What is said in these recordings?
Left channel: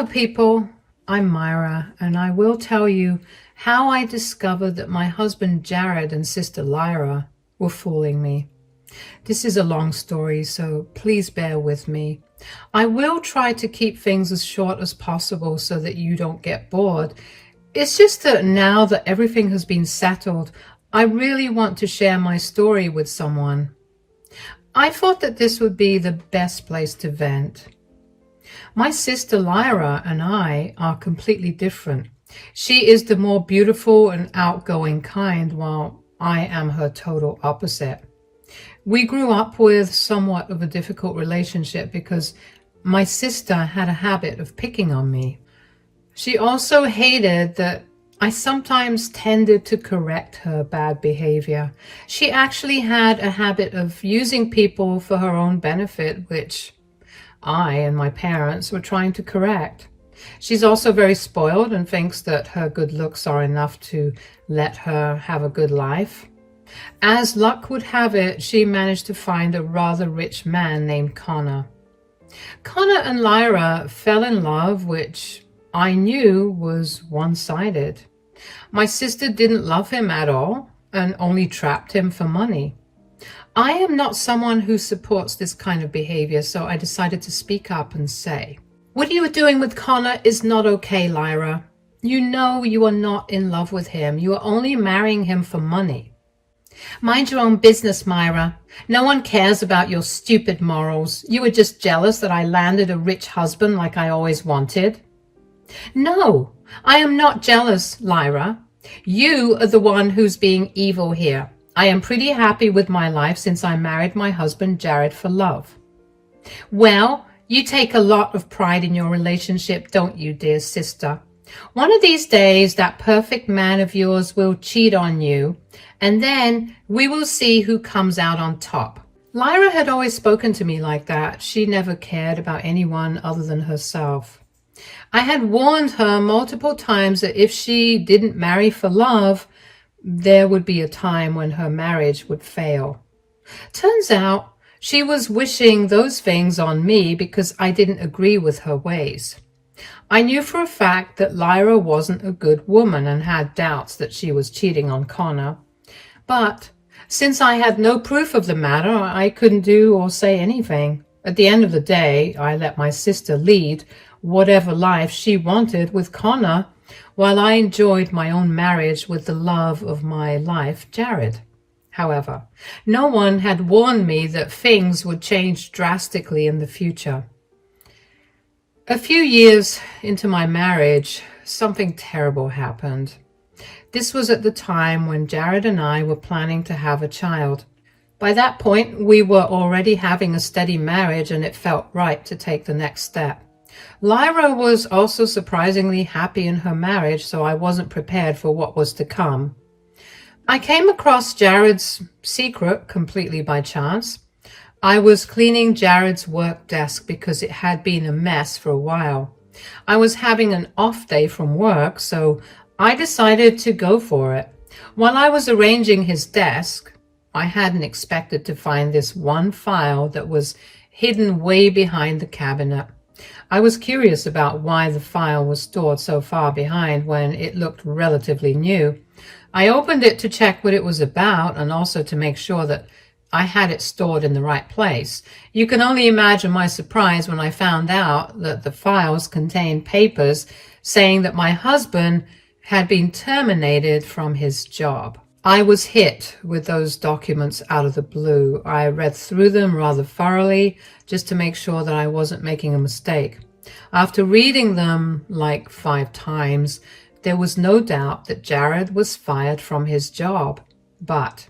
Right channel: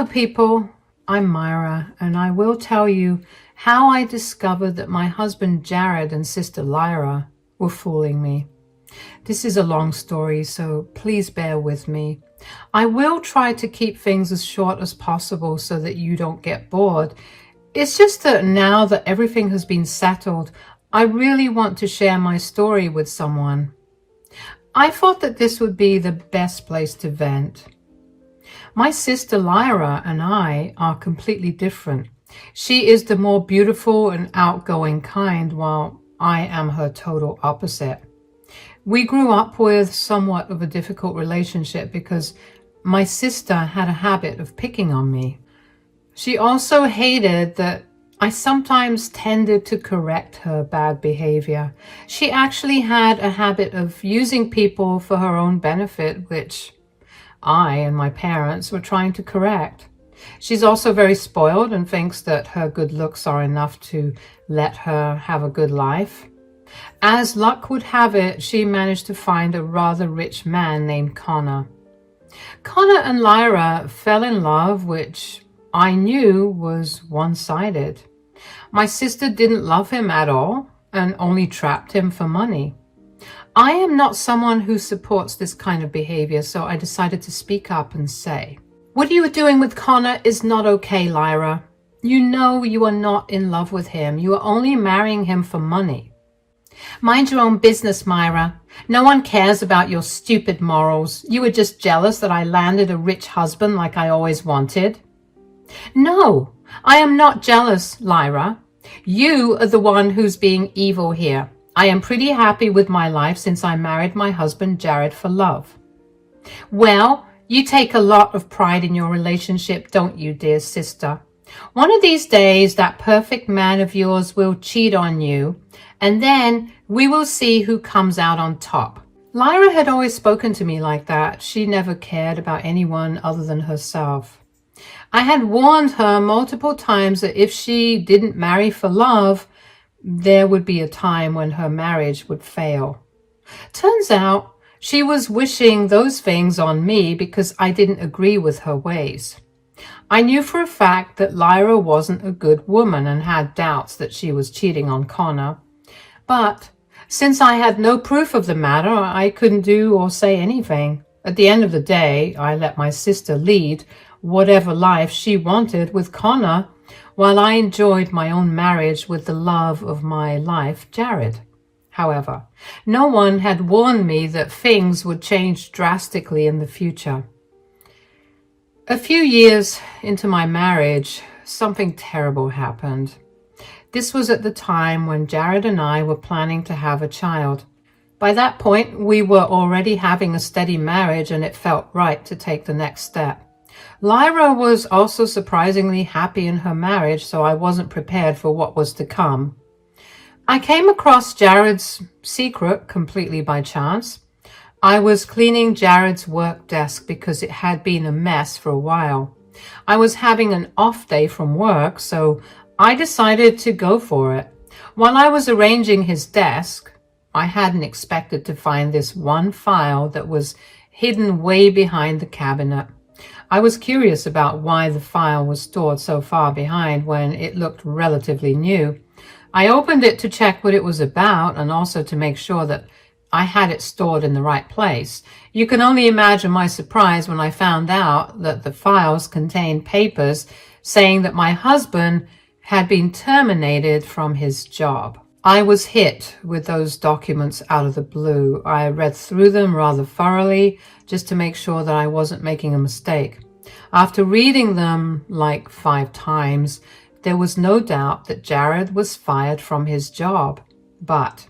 Hello people, I'm Myra, and I will tell you how I discovered that my husband Jared and sister Lyra were fooling me. This is a long story, so please bear with me. I will try to keep things as short as possible so that you don't get bored. It's just that now that everything has been settled, I really want to share my story with someone. I thought that this would be the best place to vent. My sister Lyra and I are completely different. She is the more beautiful and outgoing kind, while I am her total opposite. We grew up with somewhat of a difficult relationship because my sister had a habit of picking on me. She also hated that I sometimes tended to correct her bad behavior. She actually had a habit of using people for her own benefit, which I and my parents were trying to correct. She's also very spoiled and thinks that her good looks are enough to let her have a good life. As luck would have it, she managed to find a rather rich man named Connor. Connor and Lyra fell in love, which I knew was one-sided. My sister didn't love him at all and only trapped him for money. I am not someone who supports this kind of behavior, so I decided to speak up and say, "What you are doing with Connor is not okay, Lyra. You know you are not in love with him. You are only marrying him for money." "Mind your own business, Myra. No one cares about your stupid morals. You were just jealous that I landed a rich husband like I always wanted." "No, I am not jealous, Lyra. You are the one who's being evil here. I am pretty happy with my life since I married my husband Jared for love." "Well, you take a lot of pride in your relationship, don't you, dear sister? One of these days, that perfect man of yours will cheat on you, and then we will see who comes out on top." Lyra had always spoken to me like that. She never cared about anyone other than herself. I had warned her multiple times that if she didn't marry for love, there would be a time when her marriage would fail. Turns out she was wishing those things on me because I didn't agree with her ways. I knew for a fact that Lyra wasn't a good woman and had doubts that she was cheating on Connor. But since I had no proof of the matter, I couldn't do or say anything. At the end of the day, I let my sister lead whatever life she wanted with Connor, while I enjoyed my own marriage with the love of my life, Jared. However, no one had warned me that things would change drastically in the future. A few years into my marriage, something terrible happened. This was at the time when Jared and I were planning to have a child. By that point, we were already having a steady marriage, and it felt right to take the next step. Lyra was also surprisingly happy in her marriage, so I wasn't prepared for what was to come. I came across Jared's secret completely by chance. I was cleaning Jared's work desk because it had been a mess for a while. I was having an off day from work, so I decided to go for it. While I was arranging his desk, I hadn't expected to find this one file that was hidden way behind the cabinet. I was curious about why the file was stored so far behind when it looked relatively new. I opened it to check what it was about and also to make sure that I had it stored in the right place. You can only imagine my surprise when I found out that the files contained papers saying that my husband had been terminated from his job. I was hit with those documents out of the blue. I read through them rather thoroughly just to make sure that I wasn't making a mistake. After reading them like 5 times, there was no doubt that Jared was fired from his job. But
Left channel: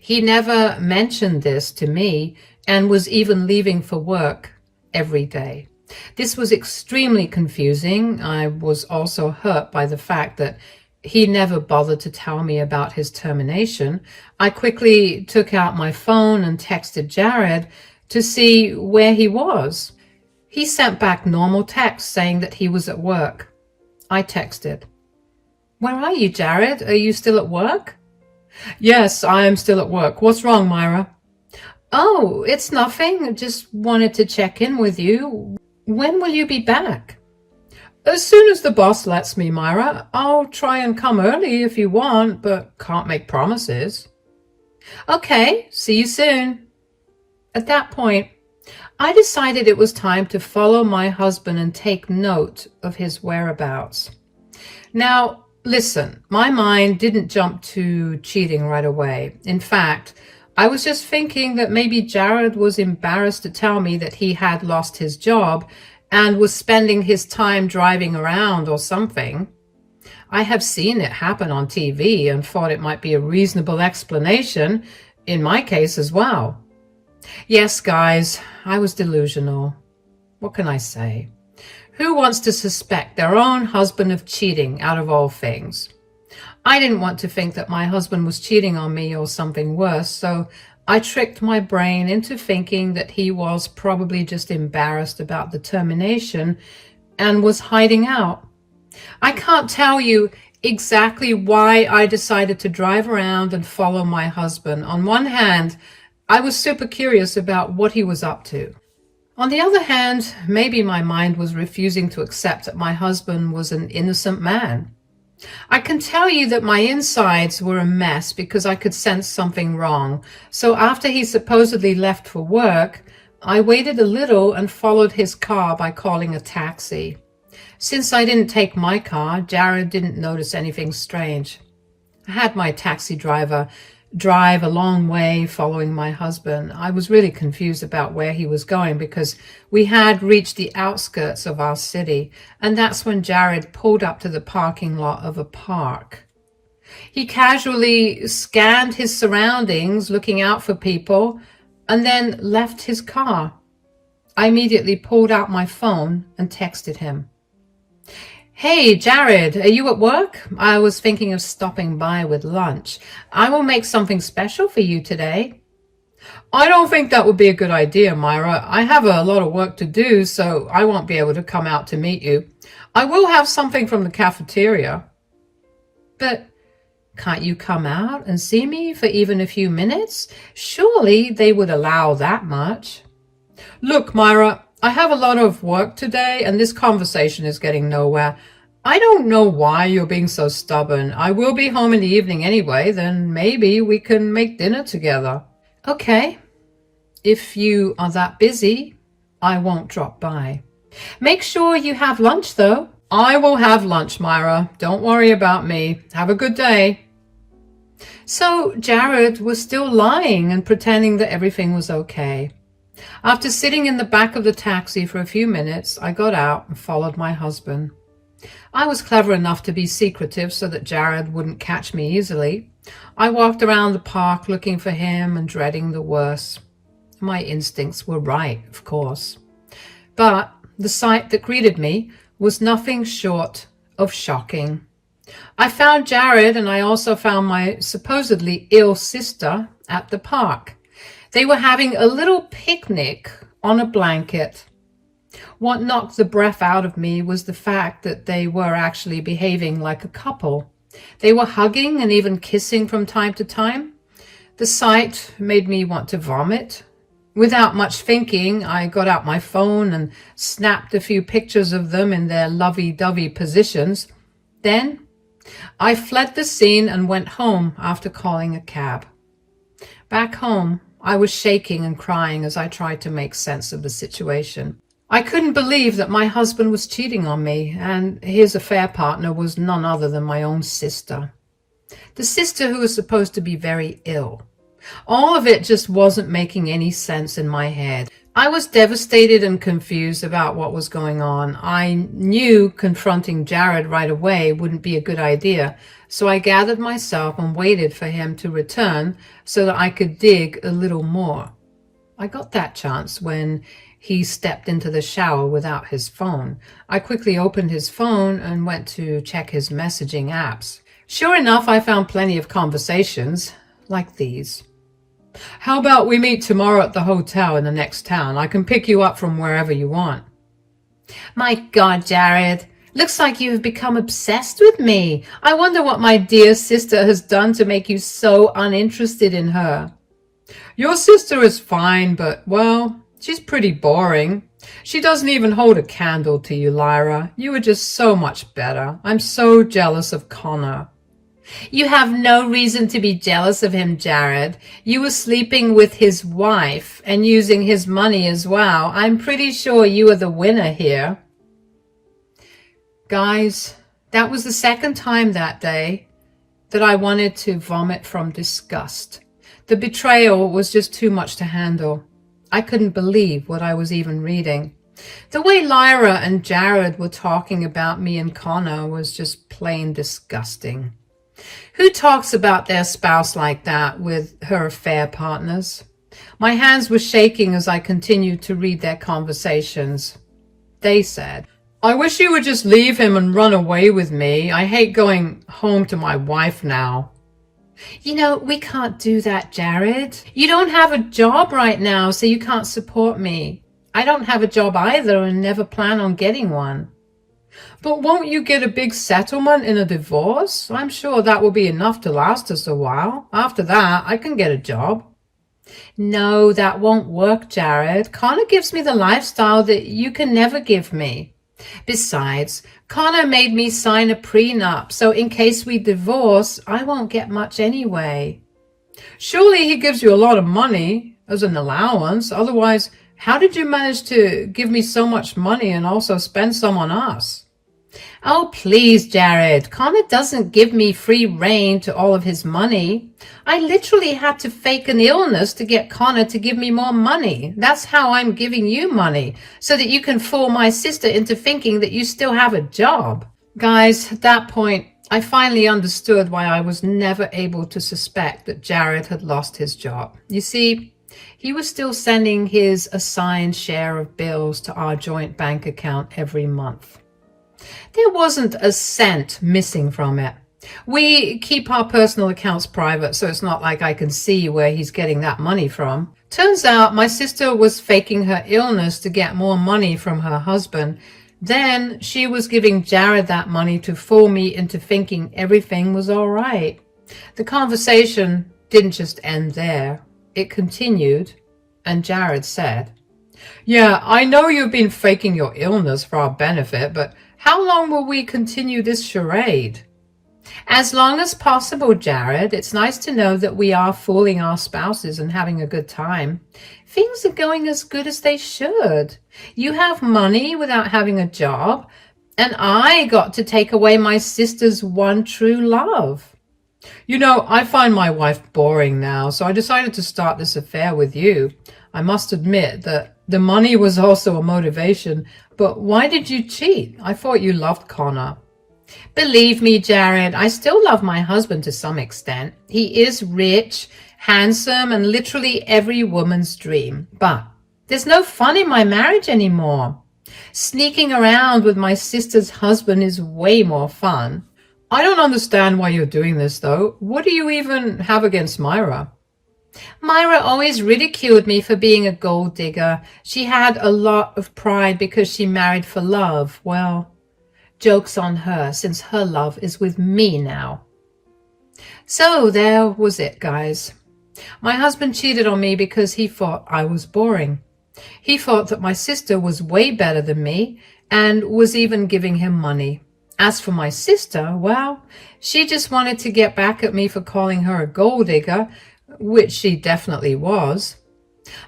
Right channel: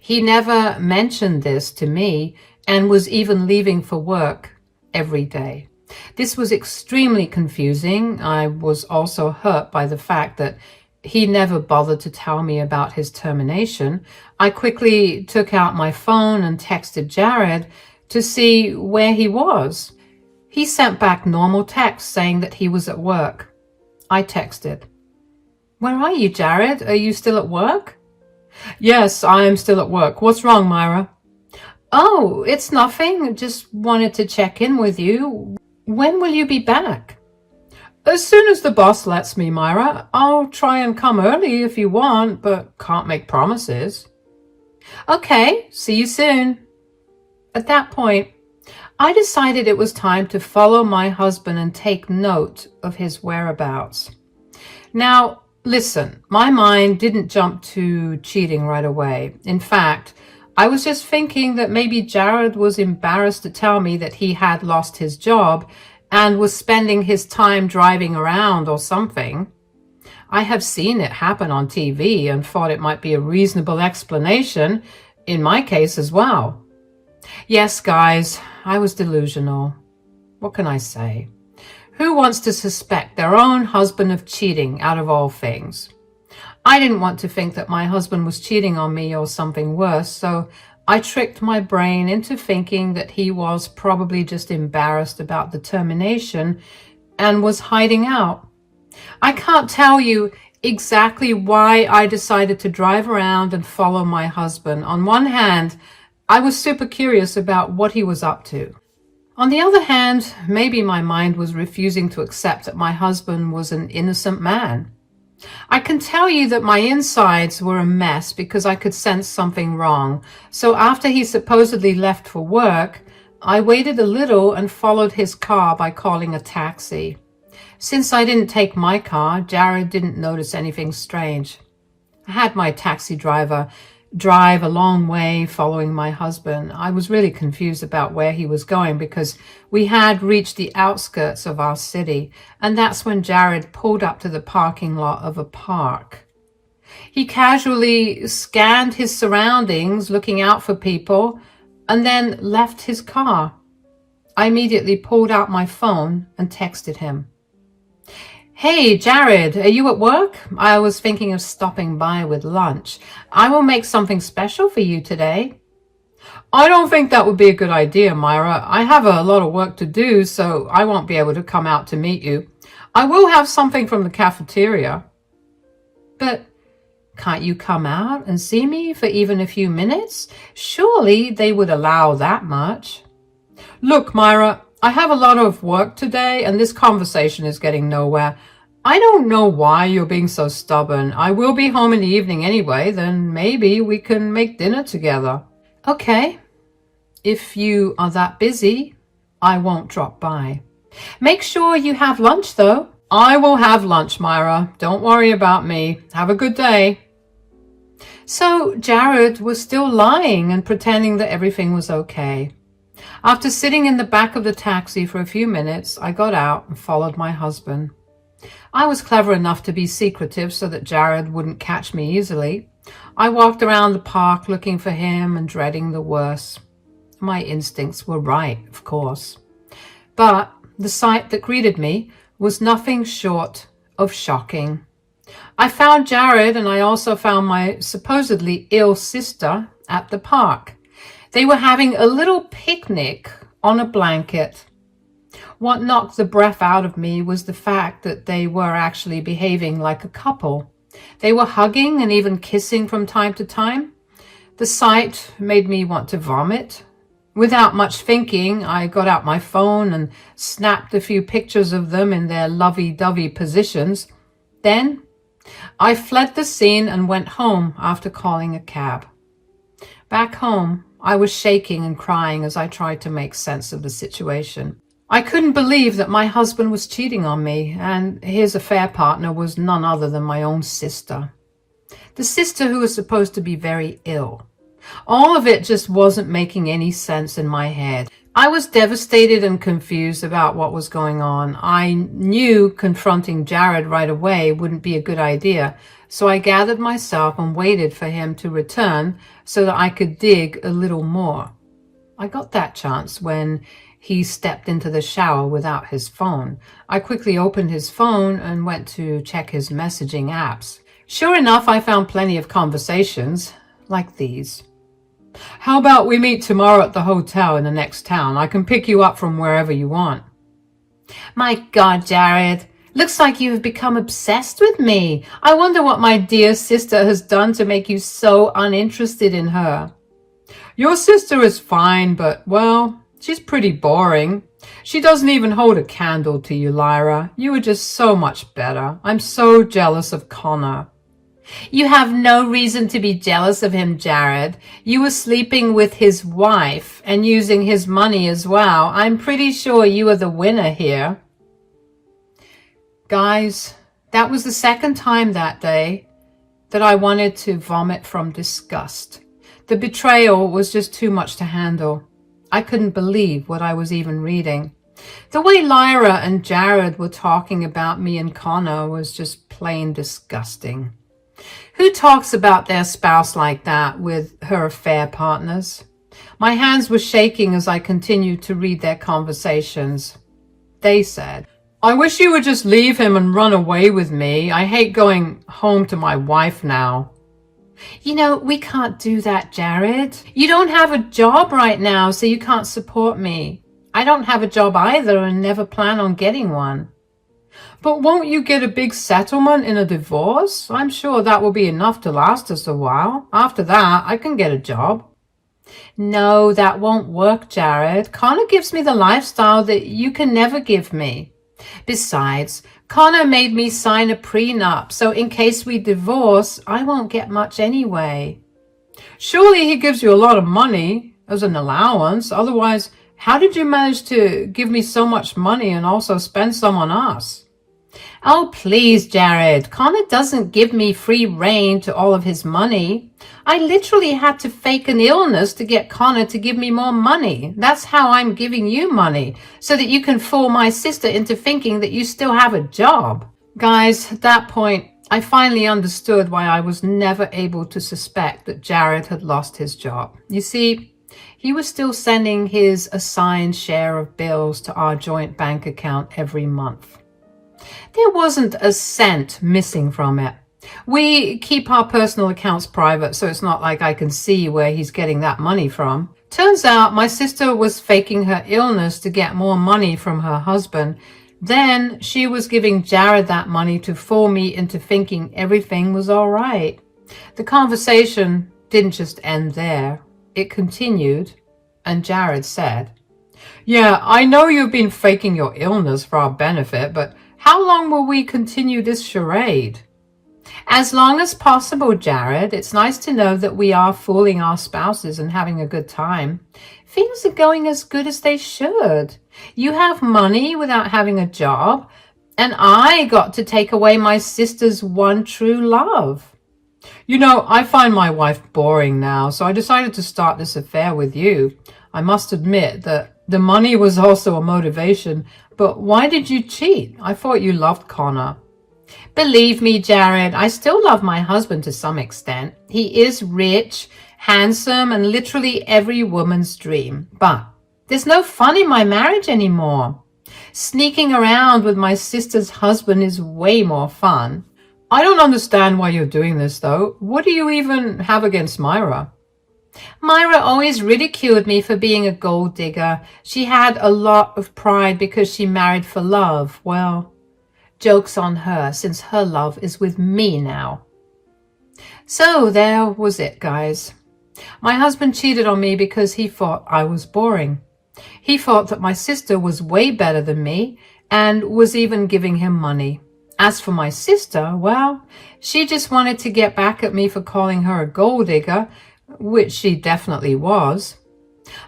he never mentioned this to me and was even leaving for work every day. This was extremely confusing. I was also hurt by the fact that he never bothered to tell me about his termination. I quickly took out my phone and texted Jared to see where he was. He sent back normal text saying that he was at work. I texted, "Where are you, Jared? Are you still at work?" "Yes, I am still at work. What's wrong, Myra?" "Oh, it's nothing. Just wanted to check in with you. When will you be back?" As soon as the boss lets me, Myra. I'll try and come early if you want, but can't make promises. Okay, see you soon. At that point, I decided it was time to follow my husband and take note of his whereabouts. Now, listen, my mind didn't jump to cheating right away. In fact, I was just thinking that maybe Jared was embarrassed to tell me that he had lost his job and was spending his time driving around or something. I have seen it happen on TV and thought it might be a reasonable explanation in my case as well. Yes, guys, I was delusional. What can I say? Who wants to suspect their own husband of cheating out of all things? I didn't want to think that my husband was cheating on me or something worse, so I tricked my brain into thinking that he was probably just embarrassed about the termination and was hiding out. I can't tell you exactly why I decided to drive around and follow my husband. On one hand, I was super curious about what he was up to. On the other hand, maybe my mind was refusing to accept that my husband was an innocent man. I can tell you that my insides were a mess because I could sense something wrong. So after he supposedly left for work, I waited a little and followed his car by calling a taxi. Since I didn't take my car, Jared didn't notice anything strange. I had my taxi driver drive a long way following my husband. I was really confused about where he was going because we had reached the outskirts of our city, and that's when Jared pulled up to the parking lot of a park. He casually scanned his surroundings, looking out for people, and then left his car. I immediately pulled out my phone and texted him. Hey, Jared, are you at work? I was thinking of stopping by with lunch. I will make something special for you today. I don't think that would be a good idea, Myra. I have a lot of work to do, so I won't be able to come out to meet you. I will have something from the cafeteria. But can't you come out and see me for even a few minutes? Surely they would allow that much. Look, Myra, I have a lot of work today, and this conversation is getting nowhere. I don't know why you're being so stubborn. I will be home in the evening anyway, then maybe we can make dinner together. Okay. If you are that busy, I won't drop by. Make sure you have lunch, though. I will have lunch, Myra. Don't worry about me. Have a good day. So Jared was still lying and pretending that everything was okay. After sitting in the back of the taxi for a few minutes, I got out and followed my husband. I was clever enough to be secretive so that Jared wouldn't catch me easily. I walked around the park looking for him and dreading the worst. My instincts were right, of course. But the sight that greeted me was nothing short of shocking. I found Jared, and I also found my supposedly ill sister at the park. They were having a little picnic on a blanket. What knocked the breath out of me was the fact that they were actually behaving like a couple. They were hugging and even kissing from time to time. The sight made me want to vomit. Without much thinking, I got out my phone and snapped a few pictures of them in their lovey-dovey positions. Then I fled the scene and went home after calling a cab. Back home, I was shaking and crying as I tried to make sense of the situation. I couldn't believe that my husband was cheating on me, and his affair partner was none other than my own sister. The sister who was supposed to be very ill. All of it just wasn't making any sense in my head. I was devastated and confused about what was going on. I knew confronting Jared right away wouldn't be a good idea, so I gathered myself and waited for him to return so that I could dig a little more. I got that chance when he stepped into the shower without his phone. I quickly opened his phone and went to check his messaging apps. Sure enough, I found plenty of conversations like these. How about we meet tomorrow at the hotel in the next town? I can pick you up from wherever you want. My God, Jared. Looks like you have become obsessed with me. I wonder what my dear sister has done to make you so uninterested in her. Your sister is fine, but, well, she's pretty boring. She doesn't even hold a candle to you, Lyra. You are just so much better. I'm so jealous of Connor. You have no reason to be jealous of him, Jared. You were sleeping with his wife and using his money as well. I'm pretty sure you are the winner here. Guys, that was the second time that day that I wanted to vomit from disgust. The betrayal was just too much to handle. I couldn't believe what I was even reading. The way Lyra and Jared were talking about me and Connor was just plain disgusting. Who talks about their spouse like that with her affair partners? My hands were shaking as I continued to read their conversations. They said, I wish you would just leave him and run away with me. I hate going home to my wife now. You know, we can't do that, Jared. You don't have a job right now, so you can't support me. I don't have a job either and never plan on getting one. But won't you get a big settlement in a divorce? I'm sure that will be enough to last us a while. After that, I can get a job. No, that won't work, Jared. Connor gives me the lifestyle that you can never give me. Besides, Connor made me sign a prenup, so in case we divorce, I won't get much anyway. Surely he gives you a lot of money as an allowance. Otherwise, how did you manage to give me so much money and also spend some on us? Oh, please, Jared. Connor doesn't give me free rein to all of his money. I literally had to fake an illness to get Connor to give me more money. That's how I'm giving you money, so that you can fool my sister into thinking that you still have a job. Guys, at that point, I finally understood why I was never able to suspect that Jared had lost his job. You see, he was still sending his assigned share of bills to our joint bank account every month. There wasn't a cent missing from it. We keep our personal accounts private, so it's not like I can see where he's getting that money from. Turns out my sister was faking her illness to get more money from her husband. Then she was giving Jared that money to fool me into thinking everything was all right. The conversation didn't just end there. It continued, and Jared said, Yeah, I know you've been faking your illness for our benefit, but how long will we continue this charade? As long as possible, Jared. It's nice to know that we are fooling our spouses and having a good time. Things are going as good as they should. You have money without having a job, and I got to take away my sister's one true love. You know, I find my wife boring now, so I decided to start this affair with you. I must admit that the money was also a motivation, but why did you cheat? I thought you loved Connor. Believe me, Jared, I still love my husband to some extent. He is rich, handsome, and literally every woman's dream. But there's no fun in my marriage anymore. Sneaking around with my sister's husband is way more fun. I don't understand why you're doing this, though. What do you even have against Myra? Myra always ridiculed me for being a gold digger. She had a lot of pride because she married for love. Well, joke's on her, since her love is with me now. So there was it, guys. My husband cheated on me because he thought I was boring. He thought that my sister was way better than me and was even giving him money. As for my sister, well, she just wanted to get back at me for calling her a gold digger, which she definitely was.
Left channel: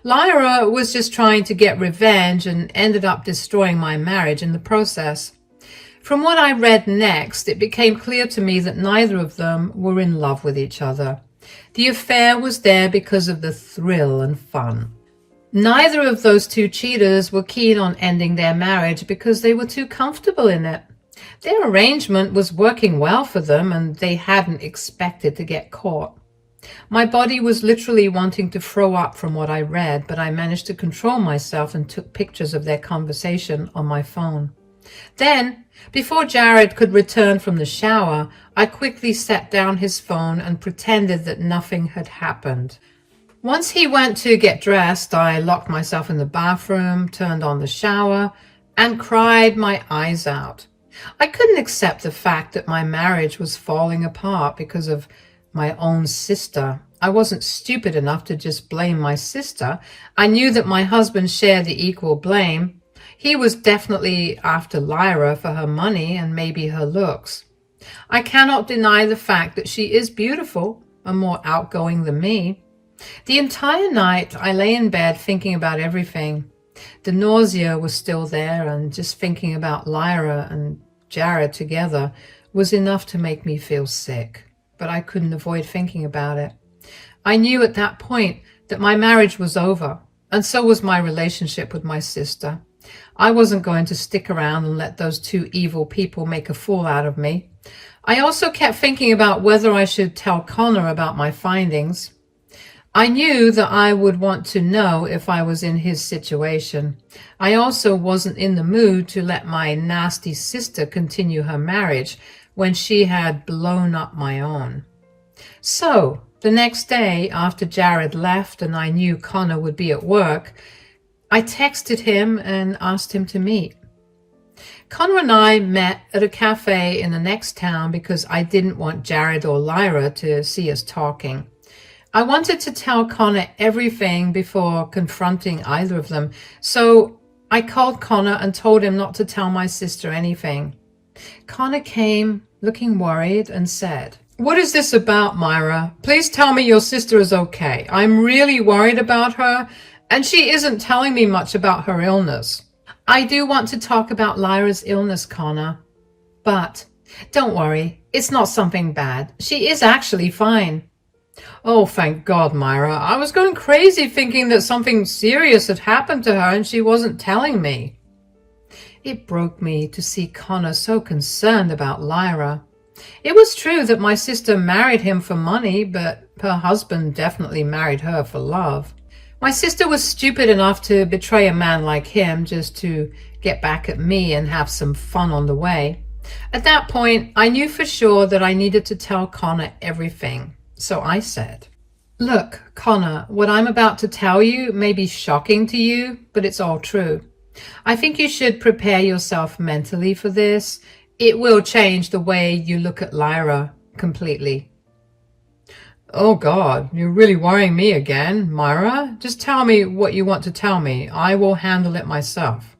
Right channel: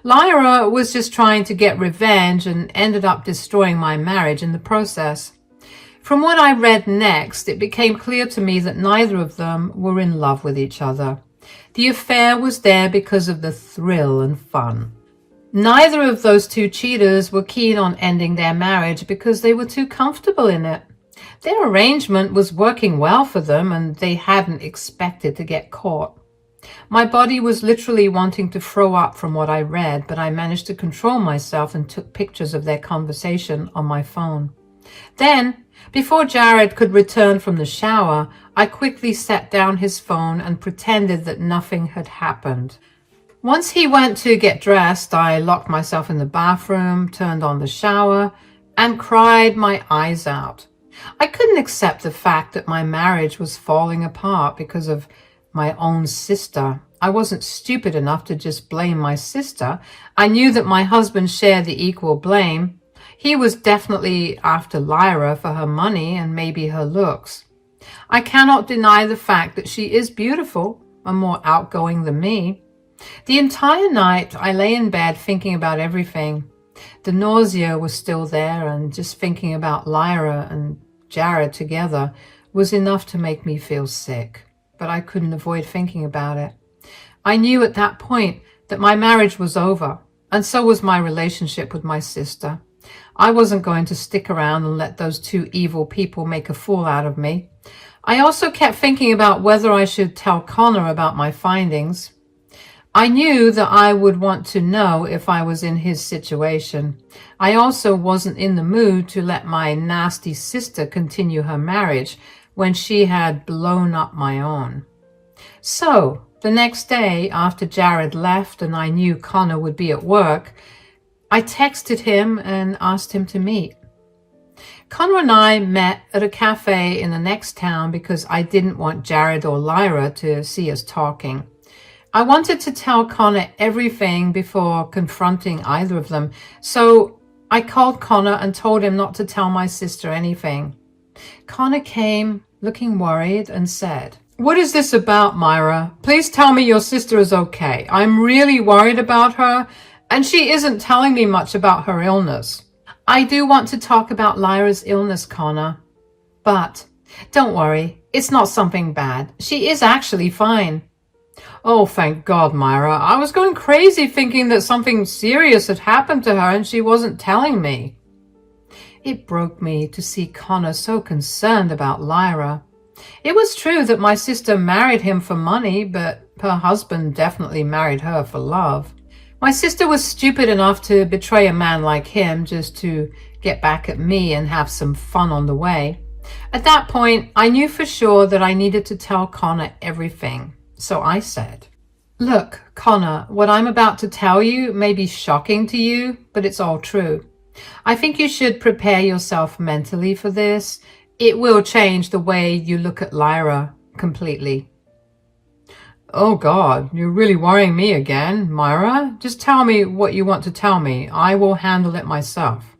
Lyra was just trying to get revenge and ended up destroying my marriage in the process. From what I read next, it became clear to me that neither of them were in love with each other. The affair was there because of the thrill and fun. Neither of those two cheaters were keen on ending their marriage because they were too comfortable in it. Their arrangement was working well for them, and they hadn't expected to get caught. My body was literally wanting to throw up from what I read, but I managed to control myself and took pictures of their conversation on my phone. Then, before Jared could return from the shower, I quickly set down his phone and pretended that nothing had happened. Once he went to get dressed, I locked myself in the bathroom, turned on the shower, and cried my eyes out. I couldn't accept the fact that my marriage was falling apart because of my own sister. I wasn't stupid enough to just blame my sister. I knew that my husband shared the equal blame. He was definitely after Lyra for her money and maybe her looks. I cannot deny the fact that she is beautiful and more outgoing than me. The entire night I lay in bed thinking about everything. The nausea was still there, and just thinking about Lyra and Jared together was enough to make me feel sick. But I couldn't avoid thinking about it. I knew at that point that my marriage was over, and so was my relationship with my sister. I wasn't going to stick around and let those two evil people make a fool out of me. I also kept thinking about whether I should tell Connor about my findings. I knew that I would want to know if I was in his situation. I also wasn't in the mood to let my nasty sister continue her marriage when she had blown up my own. So, the next day, after Jared left and I knew Connor would be at work, I texted him and asked him to meet. Connor and I met at a cafe in the next town because I didn't want Jared or Lyra to see us talking. I wanted to tell Connor everything before confronting either of them, so I called Connor and told him not to tell my sister anything. Connor came looking worried and said, "What is this about, Myra? Please tell me your sister is okay. I'm really worried about her, and she isn't telling me much about her illness." "I do want to talk about Lyra's illness, Connor, but don't worry, it's not something bad. She is actually fine." "Oh, thank God, Myra. I was going crazy thinking that something serious had happened to her and she wasn't telling me." It broke me to see Connor so concerned about Lyra. It was true that my sister married him for money, but her husband definitely married her for love. My sister was stupid enough to betray a man like him just to get back at me and have some fun on the way. At that point, I knew for sure that I needed to tell Connor everything. So I said, "Look, Connor, what I'm about to tell you may be shocking to you, but it's all true. I think you should prepare yourself mentally for this. It will change the way you look at Lyra completely." "Oh God, you're really worrying me again, Myra. Just tell me what you want to tell me. I will handle it myself."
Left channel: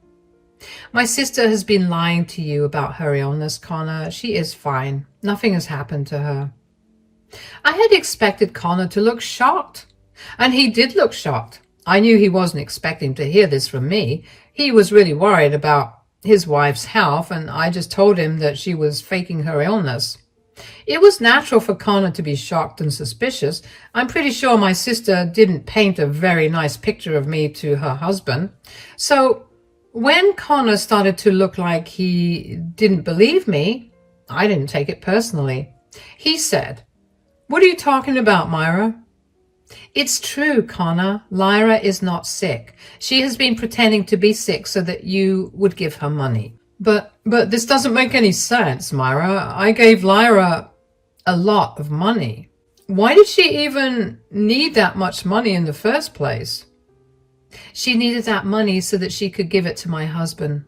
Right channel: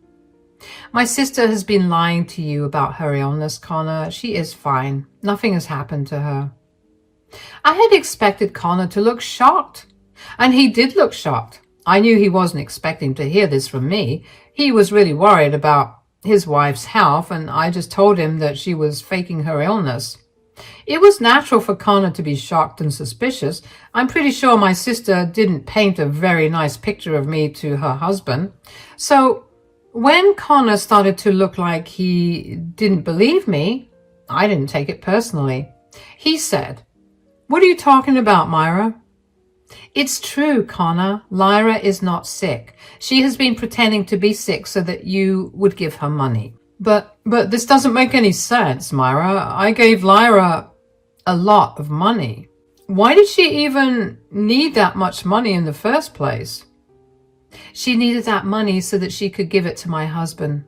"My sister has been lying to you about her illness, Connor. She is fine. Nothing has happened to her." I had expected Connor to look shocked, and he did look shocked. I knew he wasn't expecting to hear this from me. He was really worried about his wife's health, and I just told him that she was faking her illness. It was natural for Connor to be shocked and suspicious. I'm pretty sure my sister didn't paint a very nice picture of me to her husband. So when Connor started to look like he didn't believe me, I didn't take it personally. He said, "What are you talking about, Myra?" "It's true, Connor. Lyra is not sick. She has been pretending to be sick so that you would give her money." But this doesn't make any sense, Myra. I gave Lyra a lot of money. Why did she even need that much money in the first place?" "She needed that money so that she could give it to my husband.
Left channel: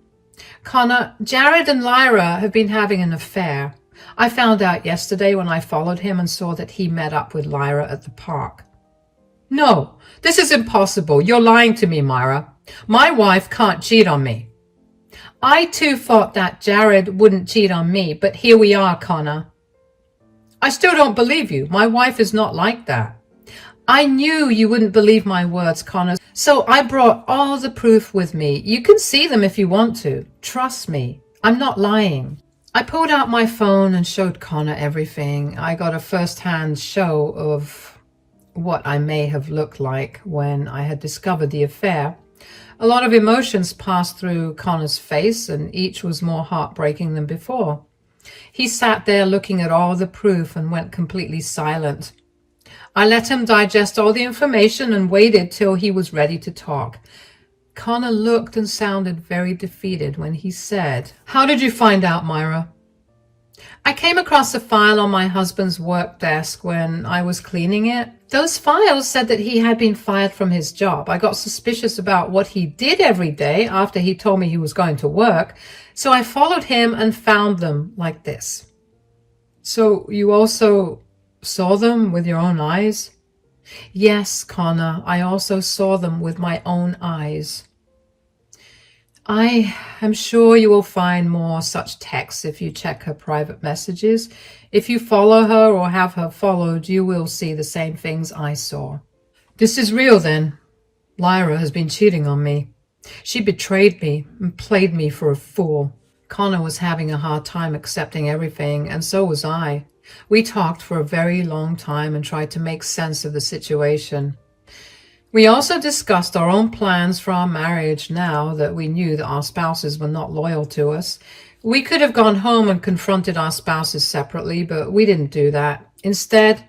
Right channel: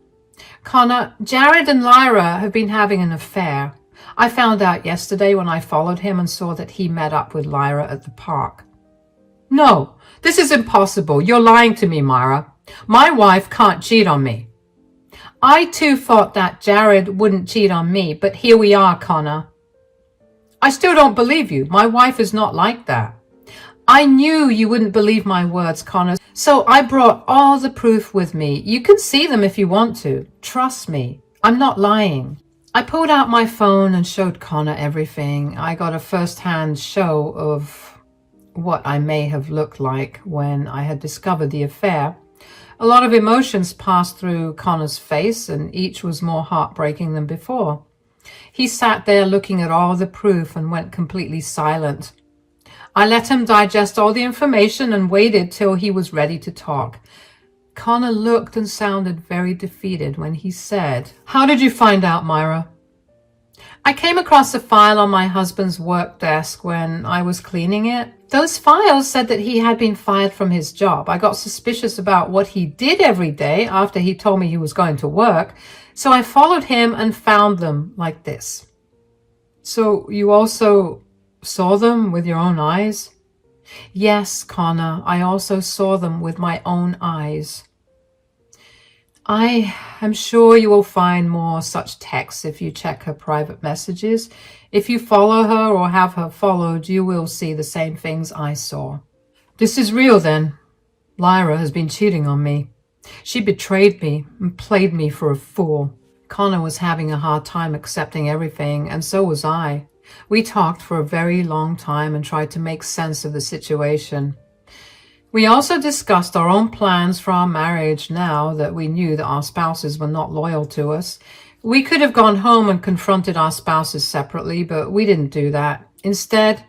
Connor, Jared and Lyra have been having an affair. I found out yesterday when I followed him and saw that he met up with Lyra at the park." "No, this is impossible. You're lying to me, Myra. My wife can't cheat on me." "I too thought that Jared wouldn't cheat on me, but here we are, Connor." "I still don't believe you. My wife is not like that." "I knew you wouldn't believe my words, Connor, so I brought all the proof with me. You can see them if you want to. Trust me, I'm not lying." I pulled out my phone and showed Connor everything. I got a first-hand show of what I may have looked like when I had discovered the affair. A lot of emotions passed through Connor's face, and each was more heartbreaking than before. He sat there looking at all the proof and went completely silent. I let him digest all the information and waited till he was ready to talk. Connor looked and sounded very defeated when he said, "How did you find out, Myra?" "I came across a file on my husband's work desk when I was cleaning it. Those files said that he had been fired from his job. I got suspicious about what he did every day after he told me he was going to work, so I followed him and found them like this." "So you also saw them with your own eyes?" "Yes, Connor, I also saw them with my own eyes." I am sure you will find more such texts if you check her private messages. If you follow her or have her followed, you will see the same things I saw. This is real then. Lyra has been cheating on me. She betrayed me and played me for a fool. Connor was having a hard time accepting everything, and so was I. We talked for a very long time and tried to make sense of the situation. We also discussed our own plans for our marriage now that we knew that our spouses were not loyal to us. We could have gone home and confronted our spouses separately, but we didn't do that. Instead,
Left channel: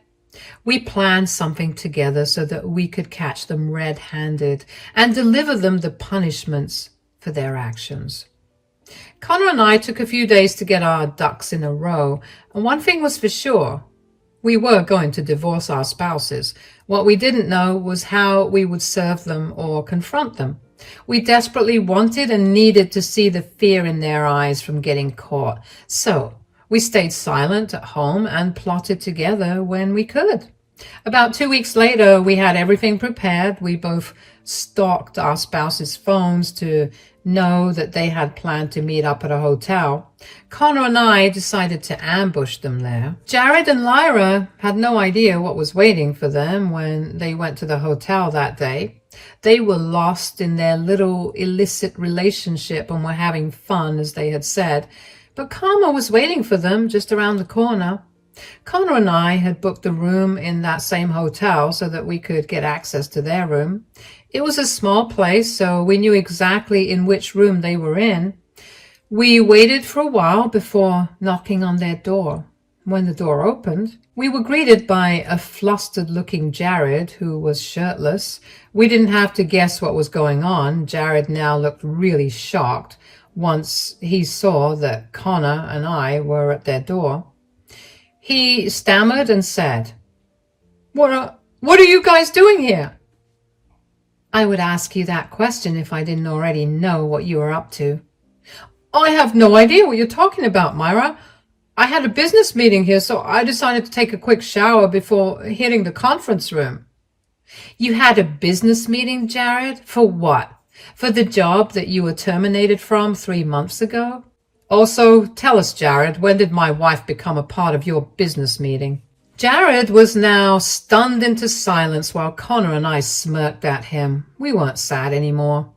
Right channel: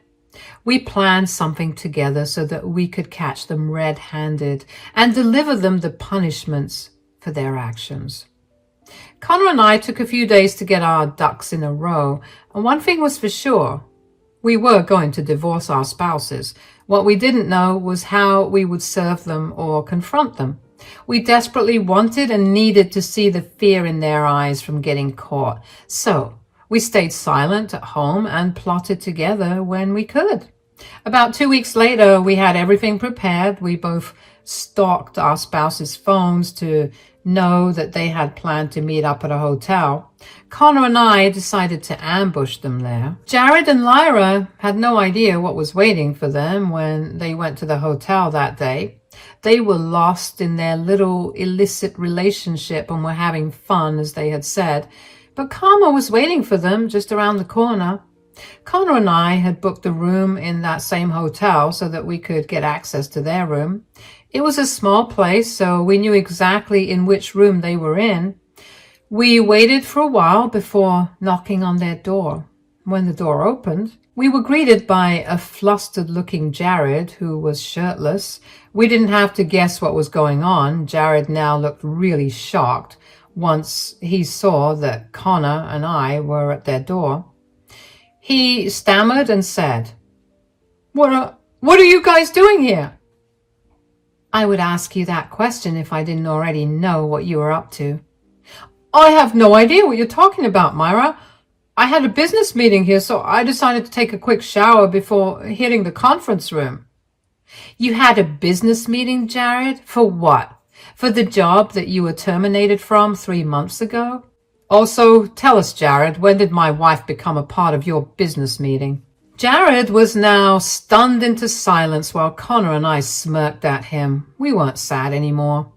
we planned something together so that we could catch them red-handed and deliver them the punishments for their actions. Connor and I took a few days to get our ducks in a row, and one thing was for sure. We were going to divorce our spouses. What we didn't know was how we would serve them or confront them. We desperately wanted and needed to see the fear in their eyes from getting caught. So we stayed silent at home and plotted together when we could. About 2 weeks later, we had everything prepared. We both stalked our spouses' phones to know that they had planned to meet up at a hotel. Connor and I decided to ambush them there. Jared and Lyra had no idea what was waiting for them when they went to the hotel that day. They were lost in their little illicit relationship and were having fun, as they had said. But Karma was waiting for them just around the corner. Connor and I had booked a room in that same hotel so that we could get access to their room. It was a small place, so we knew exactly in which room they were in. We waited for a while before knocking on their door. When the door opened, we were greeted by a flustered-looking Jared who was shirtless. We didn't have to guess what was going on. Jared now looked really shocked once he saw that Connor and I were at their door. He stammered and said, What are you guys doing here?" "I would ask you that question if I didn't already know what you were up to." "I have no idea what you're talking about, Myra. I had a business meeting here, so I decided to take a quick shower before hitting the conference room." "You had a business meeting, Jared? For what? For the job that you were terminated from 3 months ago? Also, tell us, Jared, when did my wife become a part of your business meeting?" Jared was now stunned into silence while Connor and I smirked at him. We weren't sad anymore.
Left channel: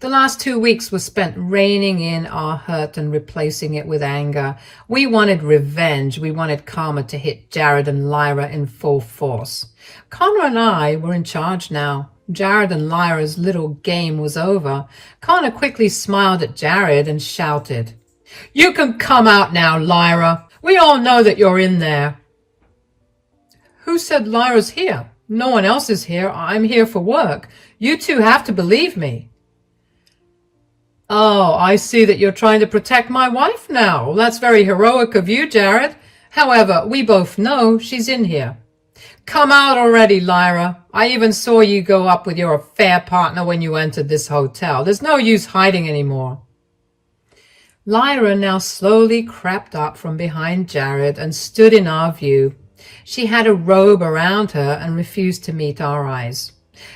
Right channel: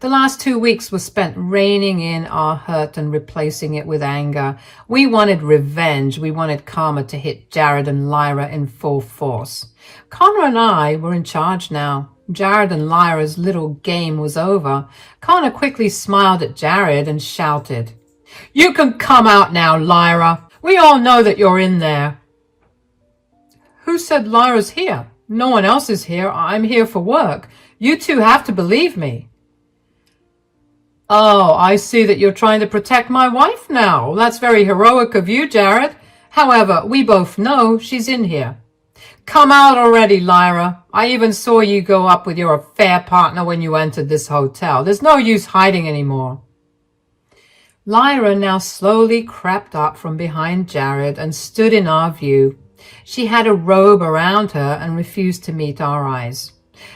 The last 2 weeks were spent reining in our hurt and replacing it with anger. We wanted revenge. We wanted karma to hit Jared and Lyra in full force. Connor and I were in charge now. Jared and Lyra's little game was over. Connor quickly smiled at Jared and shouted, "You can come out now, Lyra. We all know that you're in there." "Who said Lyra's here? No one else is here. I'm here for work. You two have to believe me." "Oh, I see that you're trying to protect my wife now. That's very heroic of you, Jared. However, we both know she's in here. Come out already, Lyra. I even saw you go up with your affair partner when you entered this hotel. There's no use hiding anymore." Lyra now slowly crept up from behind Jared and stood in our view. She had a robe around her and refused to meet our eyes.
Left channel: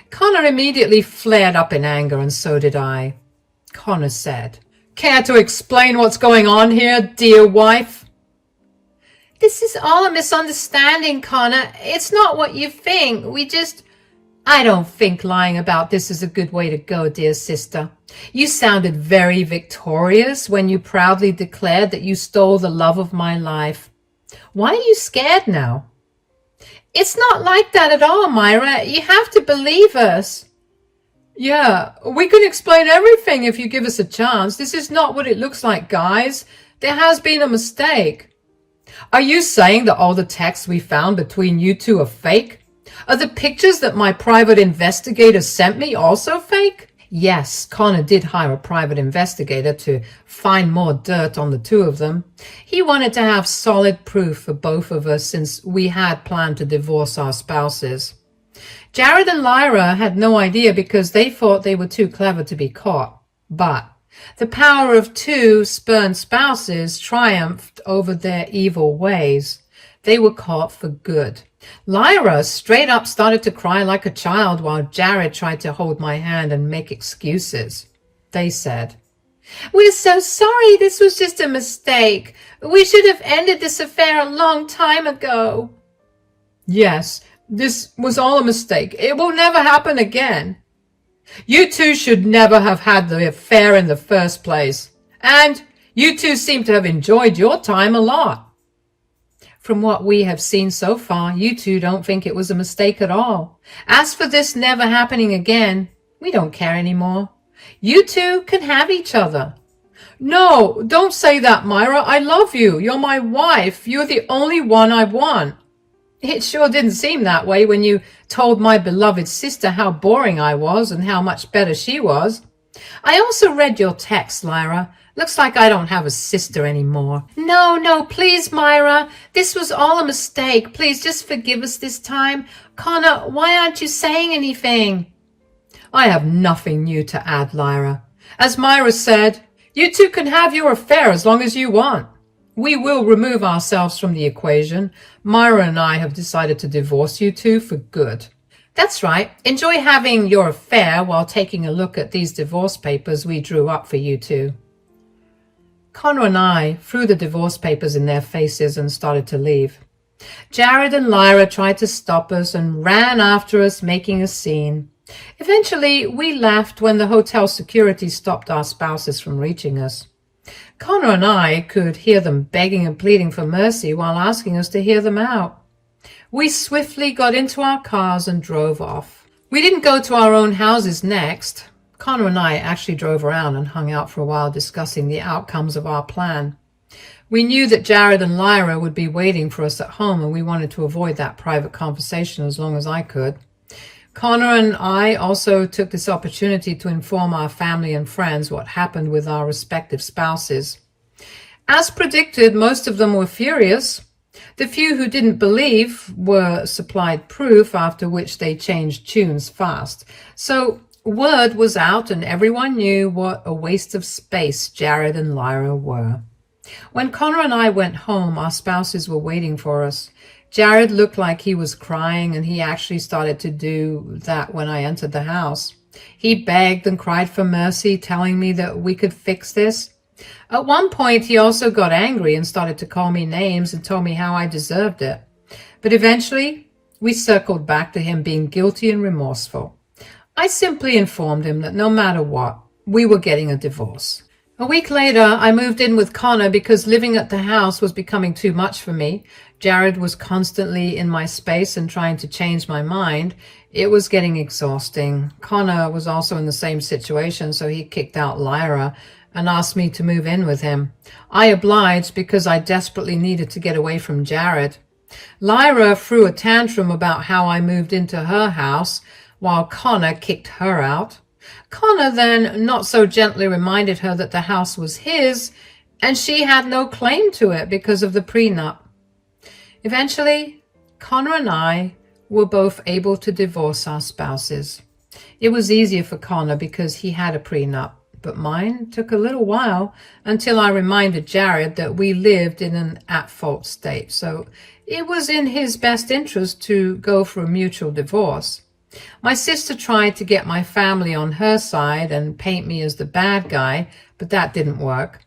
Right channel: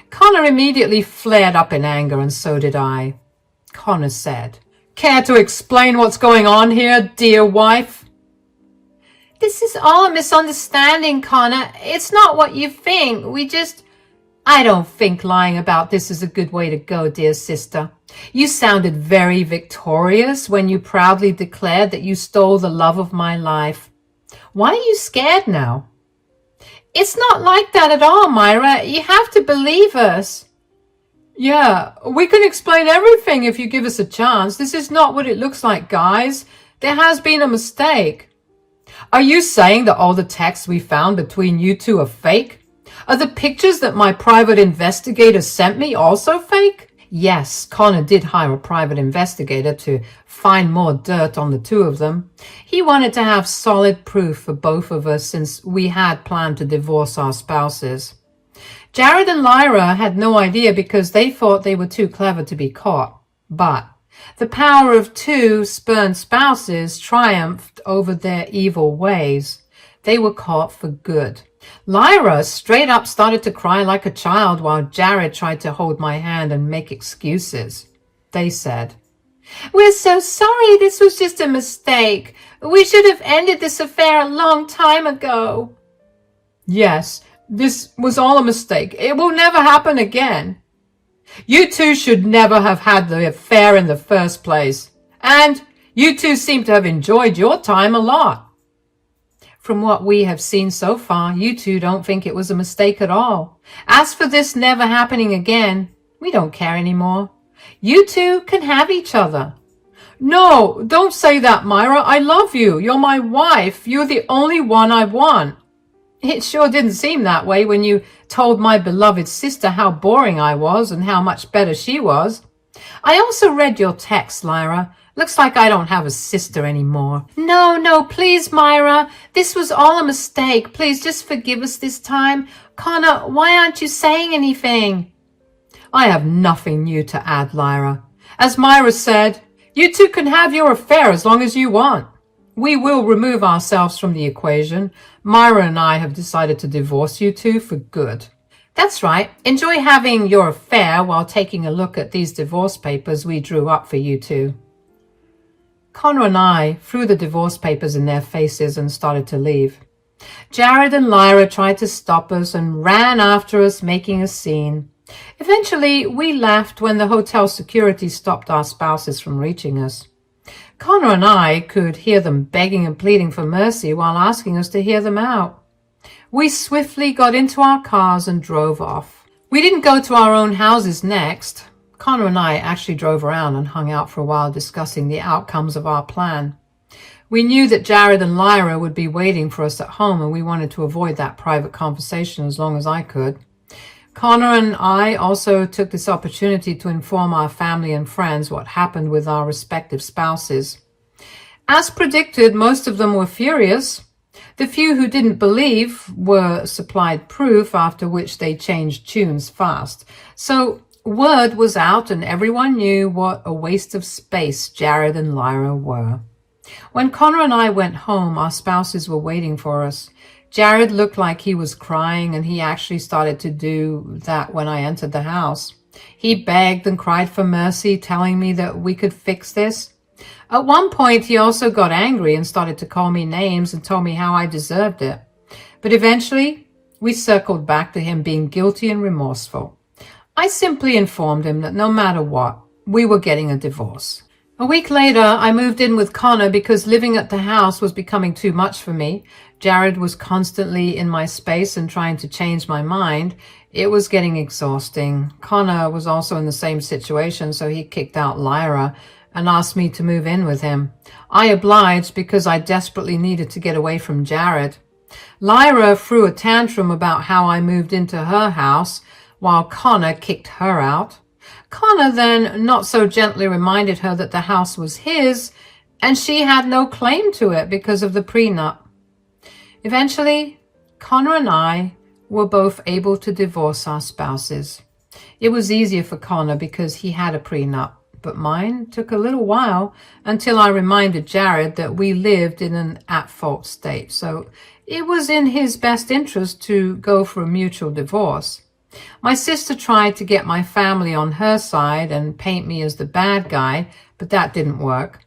Connor immediately flared up in anger, and so did I. Connor said, "Care to explain what's going on here, dear wife?" "This is all a misunderstanding, Connor. It's not what you think. I don't think lying about this is a good way to go, dear sister. You sounded very victorious when you proudly declared that you stole the love of my life. Why are you scared now?" "It's not like that at all, Myra. You have to believe us." "Yeah, we can explain everything if you give us a chance. This is not what it looks like, guys. There has been a mistake." "Are you saying that all the texts we found between you two are fake? Are the pictures that my private investigator sent me also fake?" Yes, Connor did hire a private investigator to find more dirt on the two of them. He wanted to have solid proof for both of us since we had planned to divorce our spouses. Jared and Lyra had no idea because they thought they were too clever to be caught. But the power of two spurned spouses triumphed over their evil ways. They were caught for good. Lyra straight up started to cry like a child while Jared tried to hold my hand and make excuses. They said, We're so sorry. This was just a mistake. We should have ended this affair a long time ago. Yes, this was all a mistake. It will never happen again. You two should never have had the affair in the first place. And you two seem to have enjoyed your time a lot. From what we have seen so far, you two don't think it was a mistake at all. As for this never happening again, we don't care anymore. You two can have each other. No, don't say that, Myra. I love you. You're my wife. You're the only one I want. It sure didn't seem that way when you told my beloved sister how boring I was and how much better she was. I also read your text, Lyra. Looks like I don't have a sister anymore. No, please, Myra. This was all a mistake. Please just forgive us this time. Connor, why aren't you saying anything? I have nothing new to add, Lyra. As Myra said, you two can have your affair as long as you want. We will remove ourselves from the equation. Myra and I have decided to divorce you two for good. That's right. Enjoy having your affair while taking a look at these divorce papers we drew up for you two. Connor and I threw the divorce papers in their faces and started to leave. Jared and Lyra tried to stop us and ran after us, making a scene. Eventually, we left when the hotel security stopped our spouses from reaching us. Connor and I could hear them begging and pleading for mercy while asking us to hear them out. We swiftly got into our cars and drove off. We didn't go to our own houses next. Connor and I actually drove around and hung out for a while discussing the outcomes of our plan. We knew that Jared and Lyra would be waiting for us at home, and we wanted to avoid that private conversation as long as I could. Connor and I also took this opportunity to inform our family and friends what happened with our respective spouses. As predicted, most of them were furious. The few who didn't believe were supplied proof, after which they changed tunes fast. So word was out and everyone knew what a waste of space Jared and Lyra were. When Connor and I went home, our spouses were waiting for us. Jared looked like he was crying, and he actually started to do that when I entered the house. He begged and cried for mercy, telling me that we could fix this. At one point, he also got angry and started to call me names and told me how I deserved it. But eventually, we circled back to him being guilty and remorseful. I simply informed him that no matter what, we were getting a divorce. A week later, I moved in with Connor because living at the house was becoming too much for me. Jared was constantly in my space and trying to change my mind. It was getting exhausting. Connor was also in the same situation, so he kicked out Lyra and asked me to move in with him. I obliged because I desperately needed to get away from Jared. Lyra threw a tantrum about how I moved into her house while Connor kicked her out. Connor then not so gently reminded her that the house was his and she had no claim to it because of the prenup. Eventually, Connor and I were both able to divorce our spouses. It was easier for Connor because he had a prenup, but mine took a little while until I reminded Jared that we lived in an at-fault state, so it was in his best interest to go for a mutual divorce. My sister tried to get my family on her side and paint me as the bad guy, but that didn't work.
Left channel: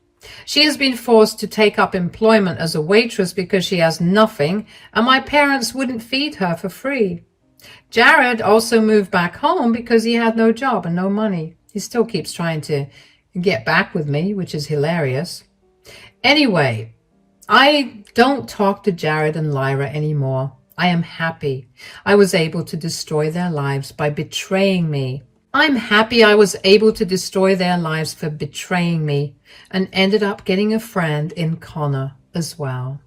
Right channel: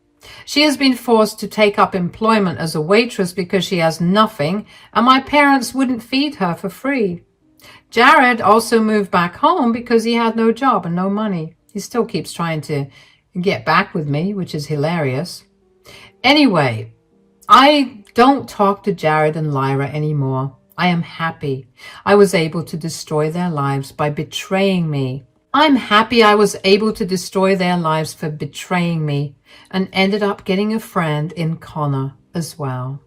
She has been forced to take up employment as a waitress because she has nothing, and my parents wouldn't feed her for free. Jared also moved back home because he had no job and no money. He still keeps trying to get back with me, which is hilarious. Anyway, I don't talk to Jared and Lyra anymore. I am happy I was able to destroy their lives by betraying me. I'm happy I was able to destroy their lives for betraying me and ended up getting a friend in Connor as well.